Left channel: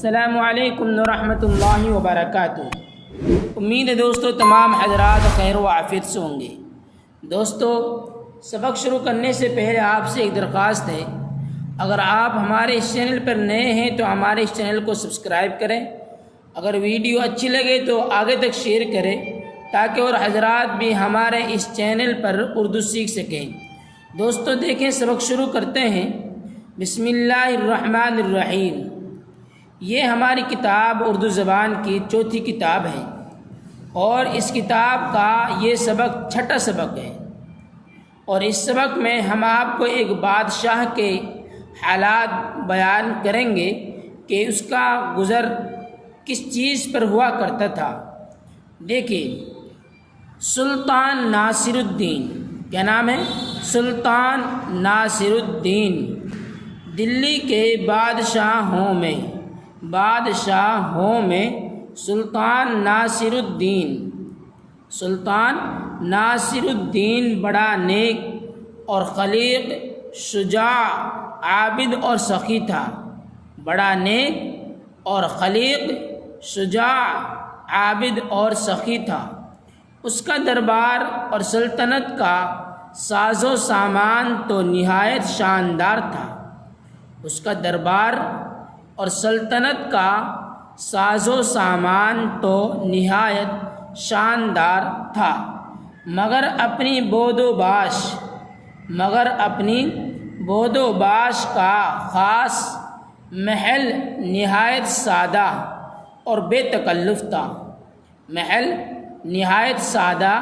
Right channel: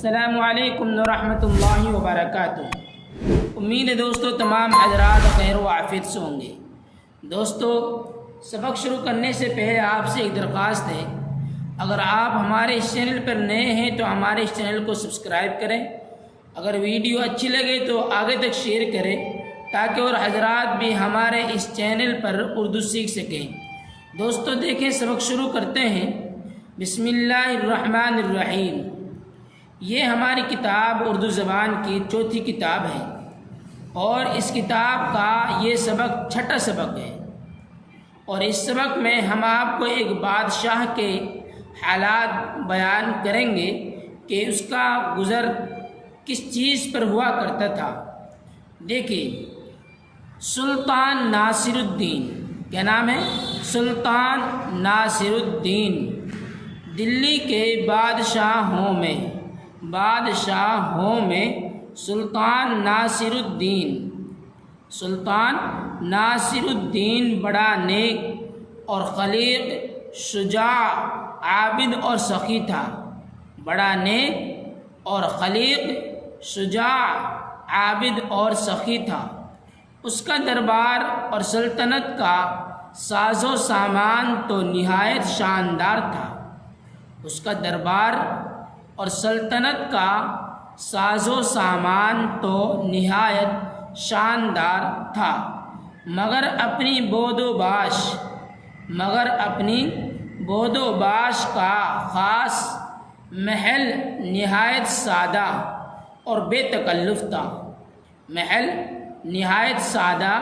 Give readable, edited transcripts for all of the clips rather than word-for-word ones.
السلام علیکم ورحمۃ اللہ وبرکاتہ۔ امید ہے دوستو تمام حضرات خیر و عافیت سے ہوں گے۔ دوستو سبق شروع کرنے سے پہلے آپ سے ایک درخواست ہے، اگر آپ ہمارے اس چینل پر نئے ہیں تو ہمارے اس چینل کو سبسکرائب کریں، اگر ویڈیو اچھی لگے تو آگے تک شیئر کریں تاکہ اور حضرات بھی ہمارے اس چینل پر اردو سیکھ سکیں۔ دوستو دیکھیں سبق شروع کرتے ہیں۔ بسم اللہ الرحمن الرحیم۔ یہ ہماری کتاب اردو زبان کی چوتھی کتاب ہے اور اس کتاب کا یہ سبق چھٹا سبق ہے، اور اس سبق میں ہم آپ کو ایک بادشاہ کے حالات بیان کریں گے کہ اس کا گزر کس چیز پر ہوا کرتا تھا۔ دیکھیے، سلطان ناصر الدین، کیا نام ہے؟ سلطان ناصر الدین دلی کے بادشاہوں میں سلطان ناصر الدین بڑا نیک اور خلیق، شجاع، عابد اور سخی تھا۔ بڑا نیک اور خلیق، شجاع، عابد اور سخی تھا۔ اس کا دربار اور سلطنت کا ساز و سامان تو نہایت شاندار تھا۔ اس کا دربار اور سلطنت کا ساز و سامان تو نہایت شاندار تھا، مگر اپنی بود و باش کا خاص محل نہایت سادہ اور بے تکلف تھا۔ محل نہایت سادہ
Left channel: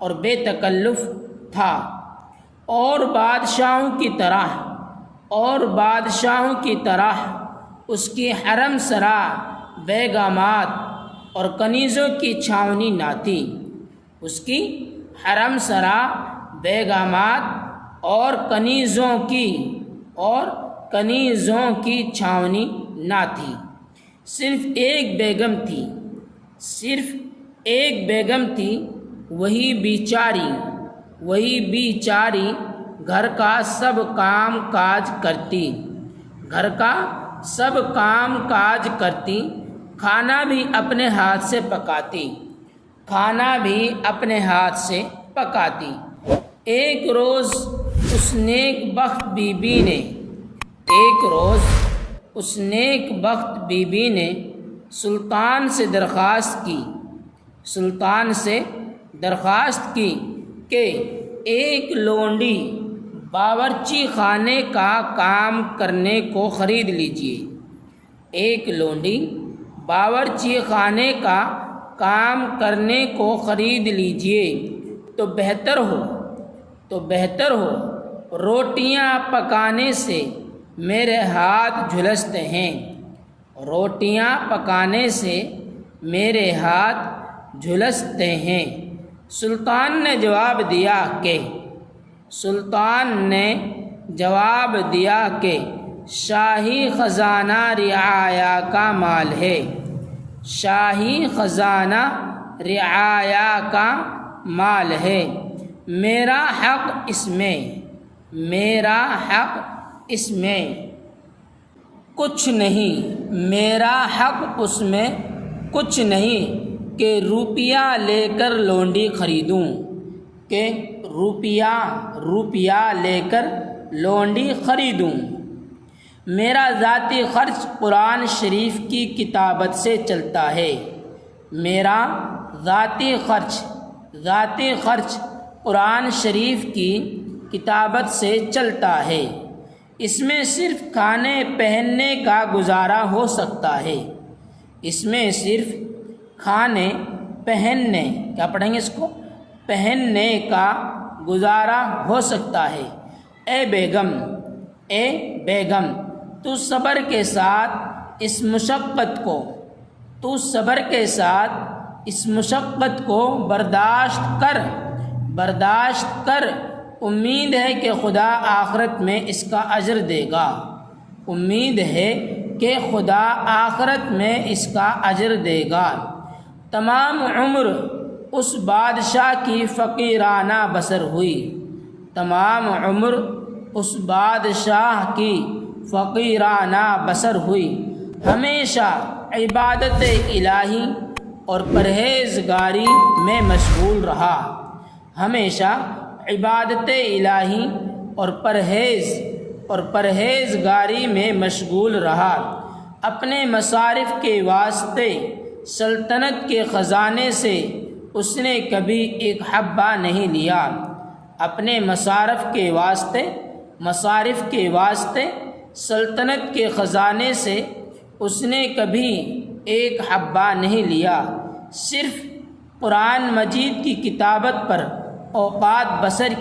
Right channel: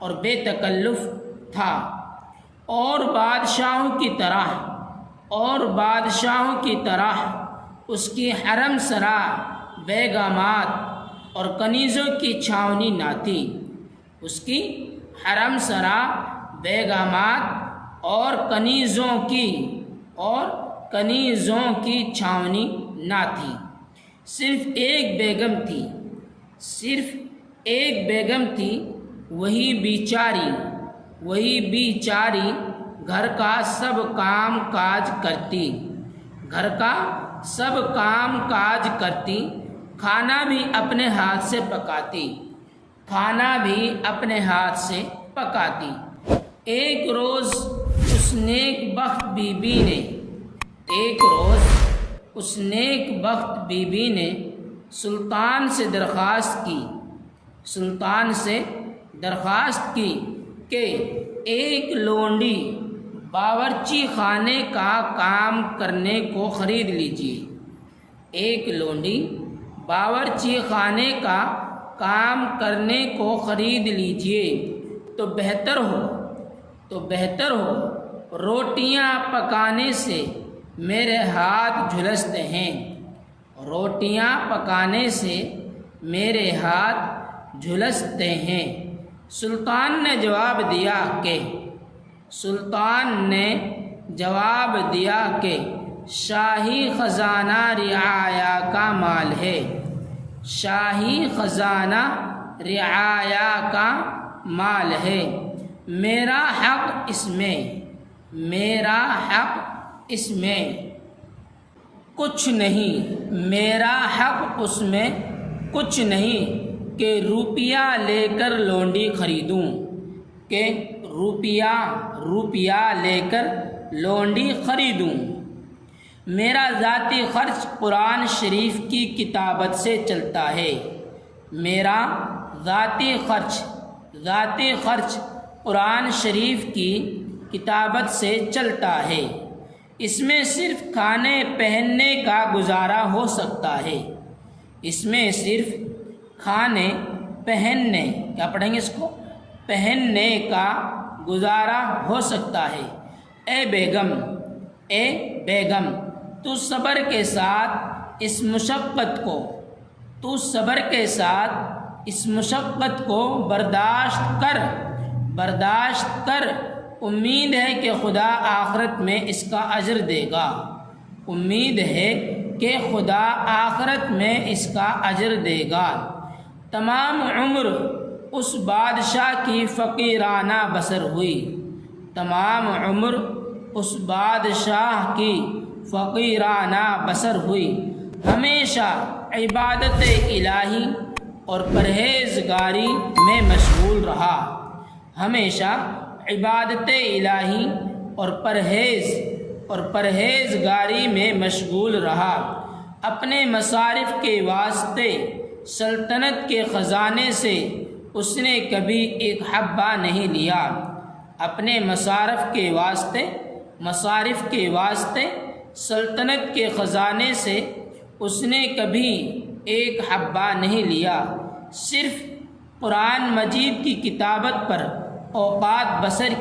اور بے تکلف تھا، اور بادشاہوں کی طرح اس کی حرم سرا بیگمات اور کنیزوں کی چھاونی نہ تھی۔ اس کی حرم سرا بیگمات اور کنیزوں کی چھاونی نہ تھی۔ صرف ایک بیگم تھی، وہی بیچاری گھر کا سب کام کاج کرتی، کھانا بھی اپنے ہاتھ سے پکاتی۔ ایک روز اس نیک بخت بی بی نے سلطان سے درخواست کی کہ ایک لونڈی باورچی خانے کا کام کرنے کو خرید لیجیے۔ ایک لونڈی باورچی خانے کا کام کرنے کو خرید لیجیے تو بہتر ہو، روٹیاں پکانے سے میرے ہاتھ جھلستے ہیں۔ سلطان نے جواب دیا کہ شاہی خزانہ رعایا کا مال ہے، میرا حق اس میں کچھ نہیں کہ روپیہ لے کر لونڈی خریدوں۔ میرا ذاتی خرچ قرآن شریف کی کتابت سے چلتا ہے۔ میرا ذاتی خرچ قرآن شریف کی کتابت سے چلتا ہے۔ اس میں صرف کھانے پہننے کا گزارا ہو سکتا ہے۔ پہننے کا گزارا ہو سکتا ہے۔ اے بیگم، تو صبر کے ساتھ اس مشقت کو برداشت کر، امید ہے کہ خدا آخرت میں اس کا اجر دے گا۔ تمام عمر اس بادشاہ کی فقیرانہ بسر ہوئی، ہمیشہ عبادت الہی اور پرہیزگاری میں مشغول رہا، ہمیشہ عبادت الہی اور پرہیزگاری میں مشغول رہا۔ اپنے مصارف کے واسطے سلطنت کے خزانے سے اس نے کبھی ایک حبہ نہیں لیا، اپنے مصارف کے واسطے سلطنت کے خزانے سے اس نے کبھی ایک حبہ نہیں لیا، صرف قرآن مجید کی کتابت پر اوقات بسر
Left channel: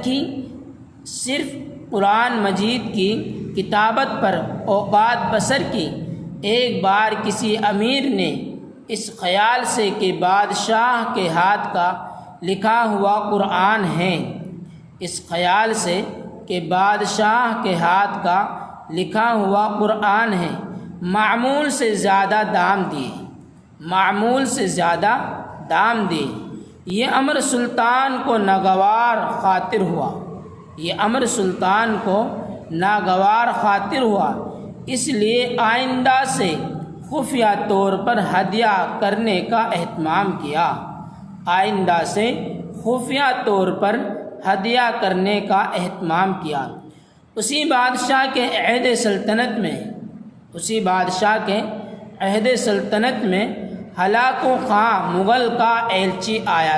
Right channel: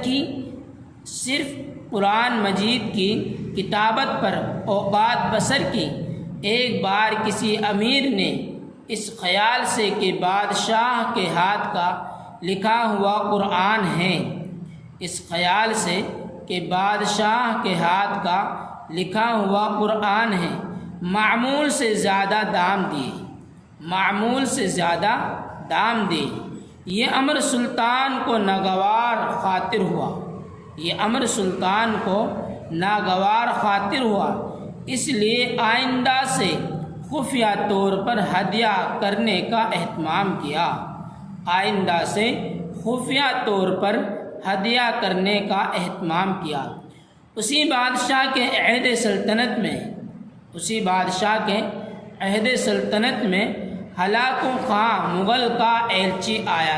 کی۔ ایک بار کسی امیر نے اس خیال سے کہ بادشاہ کے ہاتھ کا لکھا ہوا قرآن ہے، معمول سے زیادہ دام دیے۔ یہ امر سلطان کو ناگوار خاطر ہوا، اس لیے آئندہ سے خفیہ طور پر ہدیہ کرنے کا اہتمام کیا۔ اسی بادشاہ کے عہد سلطنت میں ہلاکو خان مغل کا ایلچی آیا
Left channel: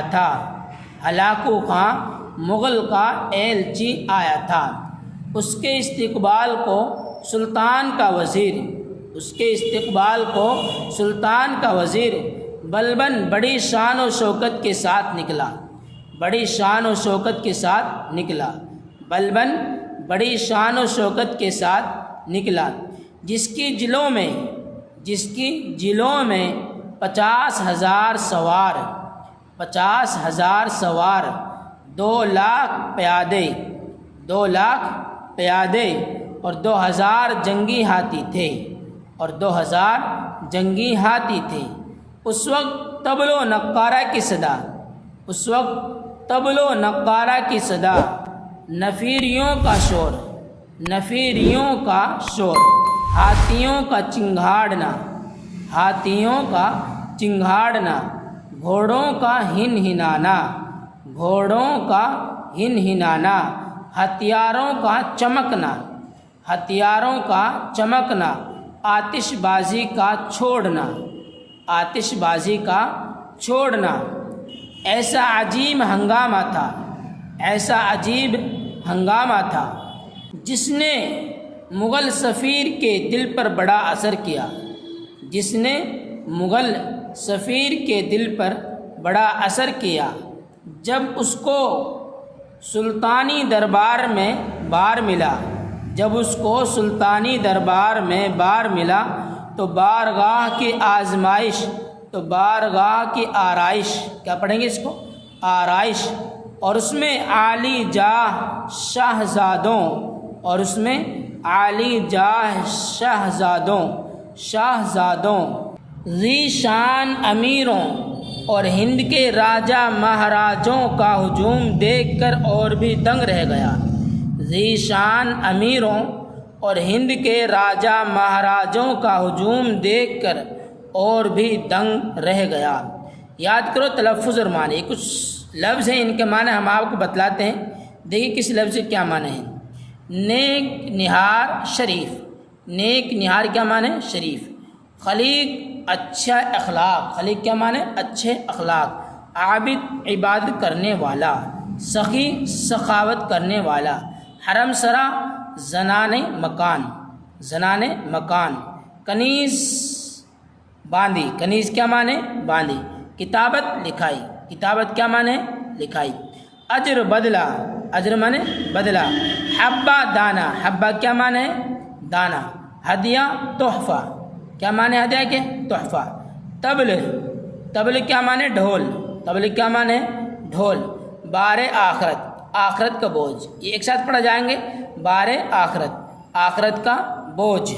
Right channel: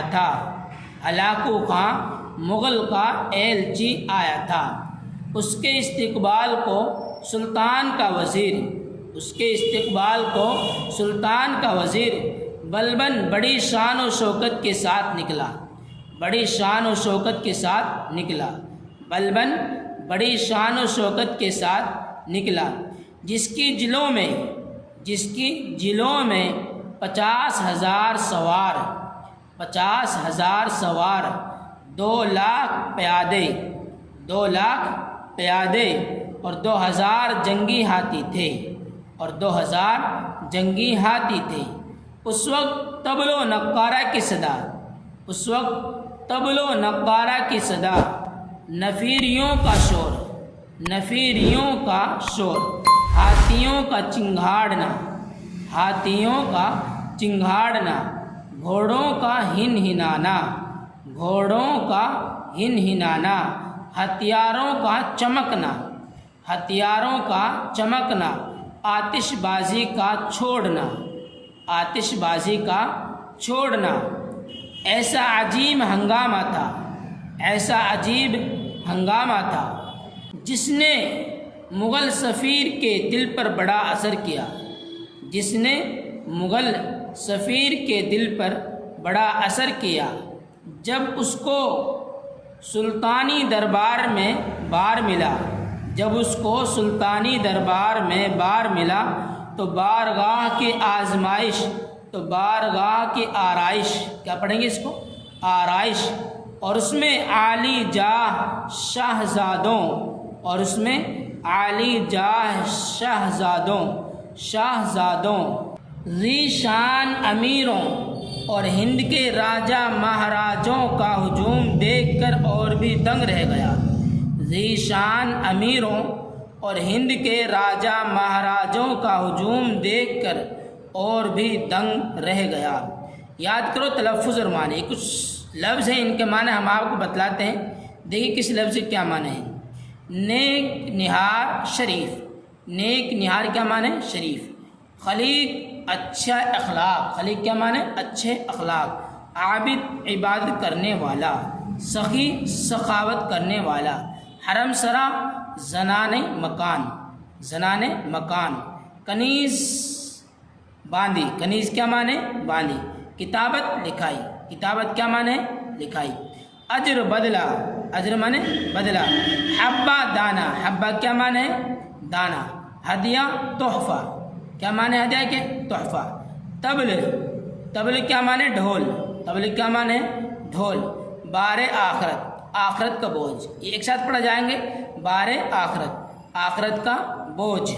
تھا۔ اس کے استقبال کو سلطان کا وزیر بلبن بڑی شان و شوکت کے ساتھ نکلا، جس کی جلوں میں 50,000 سوار، 2 لاکھ پیادے اور 2,000 جنگی ہاتھی تھے۔ اس وقت طبل و نقارہ کی صدا، نفیریوں کا شور، ہاتھیوں کا چنگھاڑنا، گھوڑوں کا ہنہنانا، ہتھیاروں کا چمکنا، آتش بازی کا چھوڑنا۔ ایسا عجیب ہنگامہ تھا جس نے مغل سفیر کے دل پر بڑا اثر کیا۔ جب اس کو سلطانی دربار میں بار ملا تو بارگاہ کی آرائش اور اس میں عالی جاہ شاہزادوں ذی شان امیروں اور ہند کے راجہ مہاراجوں کا ہجوم دیکھ کر اور بھی دنگ رہ گیا۔ ذی شان امیروں اور ہند کے راجہ مہاراجوں کا ہجوم دیکھ کر اور بھی دنگ رہ گیا۔ یاد کرو تلفظ اور معنی، کچھ لفظ ہیں ان کے معنی ہم آپ کو بتلاتے ہیں، دیکھیے کس لفظ کے کیا معنی ہیں۔ نیک نہار شریف، نیک نہار کیا معنی ہے؟ شریف۔ خلیق اچھا اخلاق، خلیق کیا معنی ہے؟ اچھے اخلاق۔ عابد عبادت کرنے والا، سخی سخاوت کرنے والا۔ حرم سرا زنان مکان۔ کنیز باندھی، کنیز کیا معنی ہے؟ باندھی۔ کتابت لکھائی، کتابت کیا معنی ہے؟ لکھائی۔ اجر بدلہ، اجر معنی بدلہ۔ حبہ دانہ، حبہ کیا معنی ہے؟ دانہ۔ ہدیہ تحفہ، کیا معنی ہے ہدیہ کے؟ تحفہ۔ طبل، طبل کیا معنی؟ ڈھول، طبل کیا معنی ہے؟ ڈھول۔ بار آخرت، آخرت کا بوجھ، یہ ایک ساتھ پڑھا جائیں گے۔ بار آخرت، آخرت کا بوجھ۔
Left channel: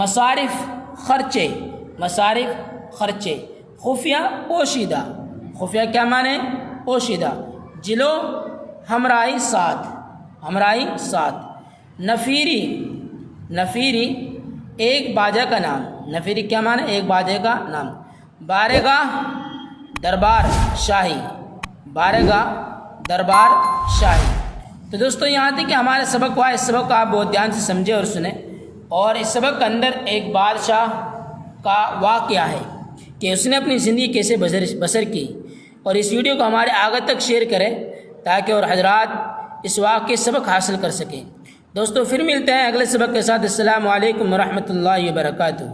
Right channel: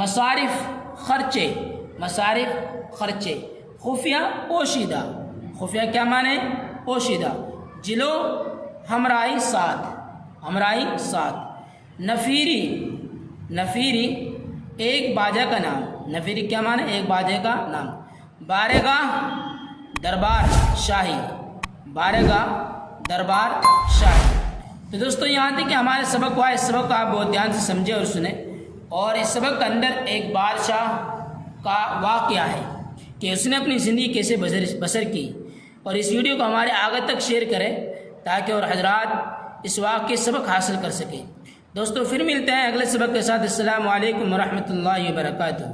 مصارف خرچے، مصارف خرچے۔ خفیہ پوشیدہ، خفیہ کیا معنی ہے؟ پوشیدہ۔ جلو ہمراہی ساتھ، ہمراہی ساتھ۔ نفیری، نفیری ایک باجا کا نام، نفیری کیا معنی؟ ایک بادشاہ کا نام. بارگاہ دربار شاہی، بارگاہ دربار شاہی. تو دوستو یہاں تک کہ ہمارا سبق ہوا. اس سبق کو آپ بہت دھیان سے سمجھیں اور سنیں. اور اس سبق کے اندر ایک بادشاہ کا واقعہ ہے کہ اس نے اپنی زندگی کیسے بسر کی. اور اس ویڈیو کو ہمارے آگے تک شیئر کریں تاکہ اور حضرات اس واقعے سبق حاصل کر سکیں. دوستو پھر ملتے ہیں اگلے سبق کے ساتھ. السلام علیکم ورحمۃ اللہ وبرکاتہ.